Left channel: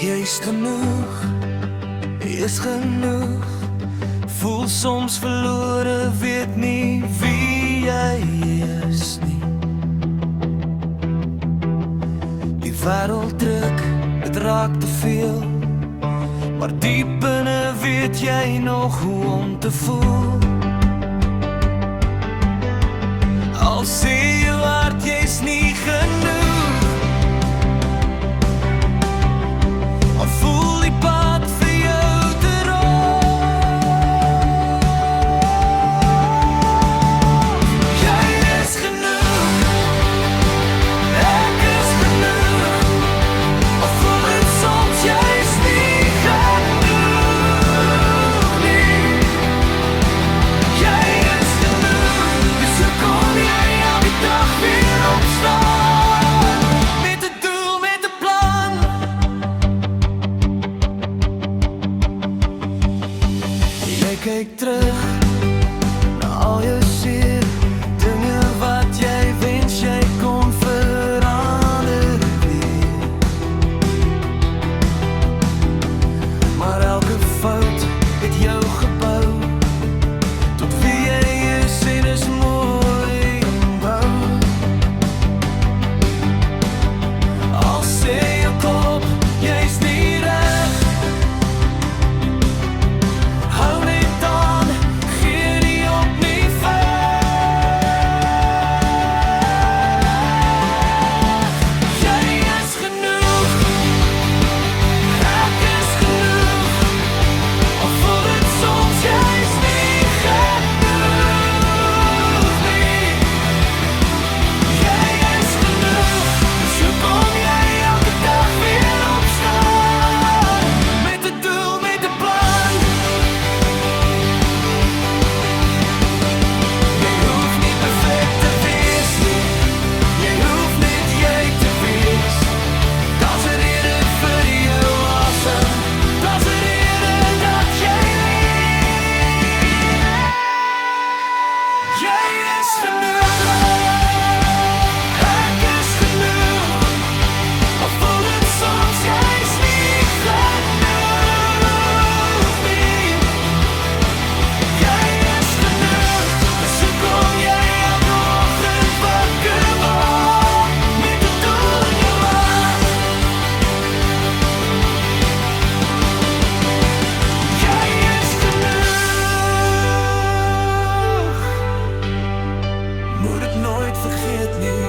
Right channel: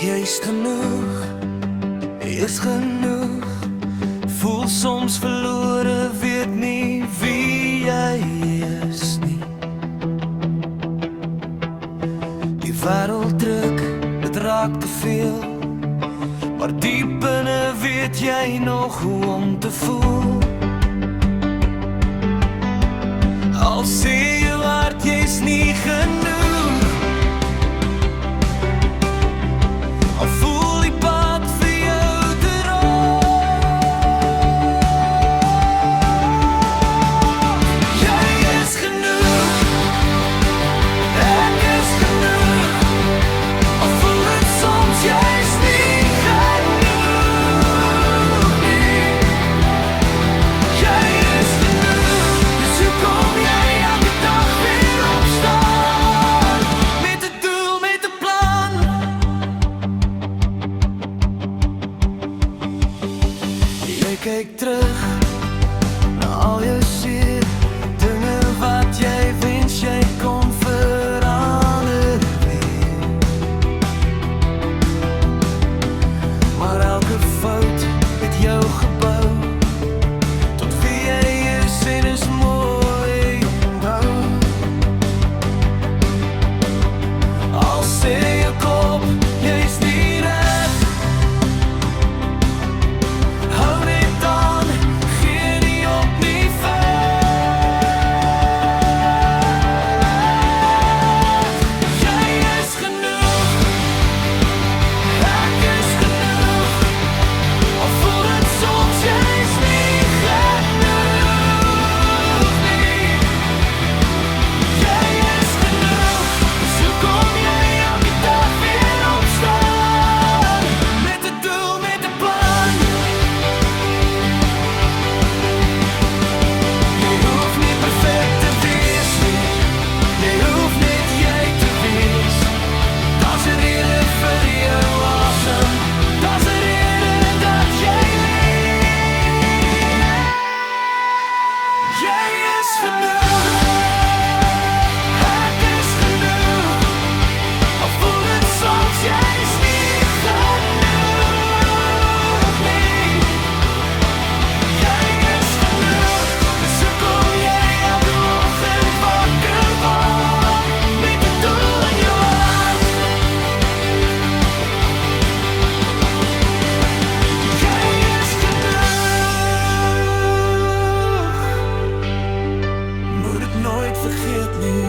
Jy's genoeg, is genoeg. Voel soms verlore, weet nie wie jy is nie. Die wêreld druk, dit raak te veel, maar diep binne weet jy nog hoe om te voel. Al sê jou hart jy's nie genoeg, al voel die pad vir jou te rof. Jy is genoeg, ek is genoeg, al voel het soms jy's nie genoeg nie. Jy is genoeg, dus hoe kom jy elke dag weer opstaan, met 'n doel, met 'n plan. Jy kyk terug na al jou seer, dinge wat jy wens jy kon verander weer. Maar elke fout het jou gebou tot wie jy is en is mooi onthou. Al sê jou kop jy's nie reg, hou net aan, gee nie op nie veg. Jy is genoeg, ek is genoeg, al voel het soms jy's nie genoeg nie. Jy is genoeg, dus hoe kom jy elke dag weer opstaan, met 'n doel, met 'n plan. Jy hoef nie perfect te wees nie, jy hoef net jy te wees. Daar's 'n rede vir jou asem, daar's 'n rede dat jy leef. Jy is genoeg, ek is genoeg, al voel het soms jy's nie genoeg nie. Jy is genoeg, dus hoe kom jy elke oggend wakker word, met 'n doel in jou hart. Jy is genoeg, moet dit nooit vergeet nie.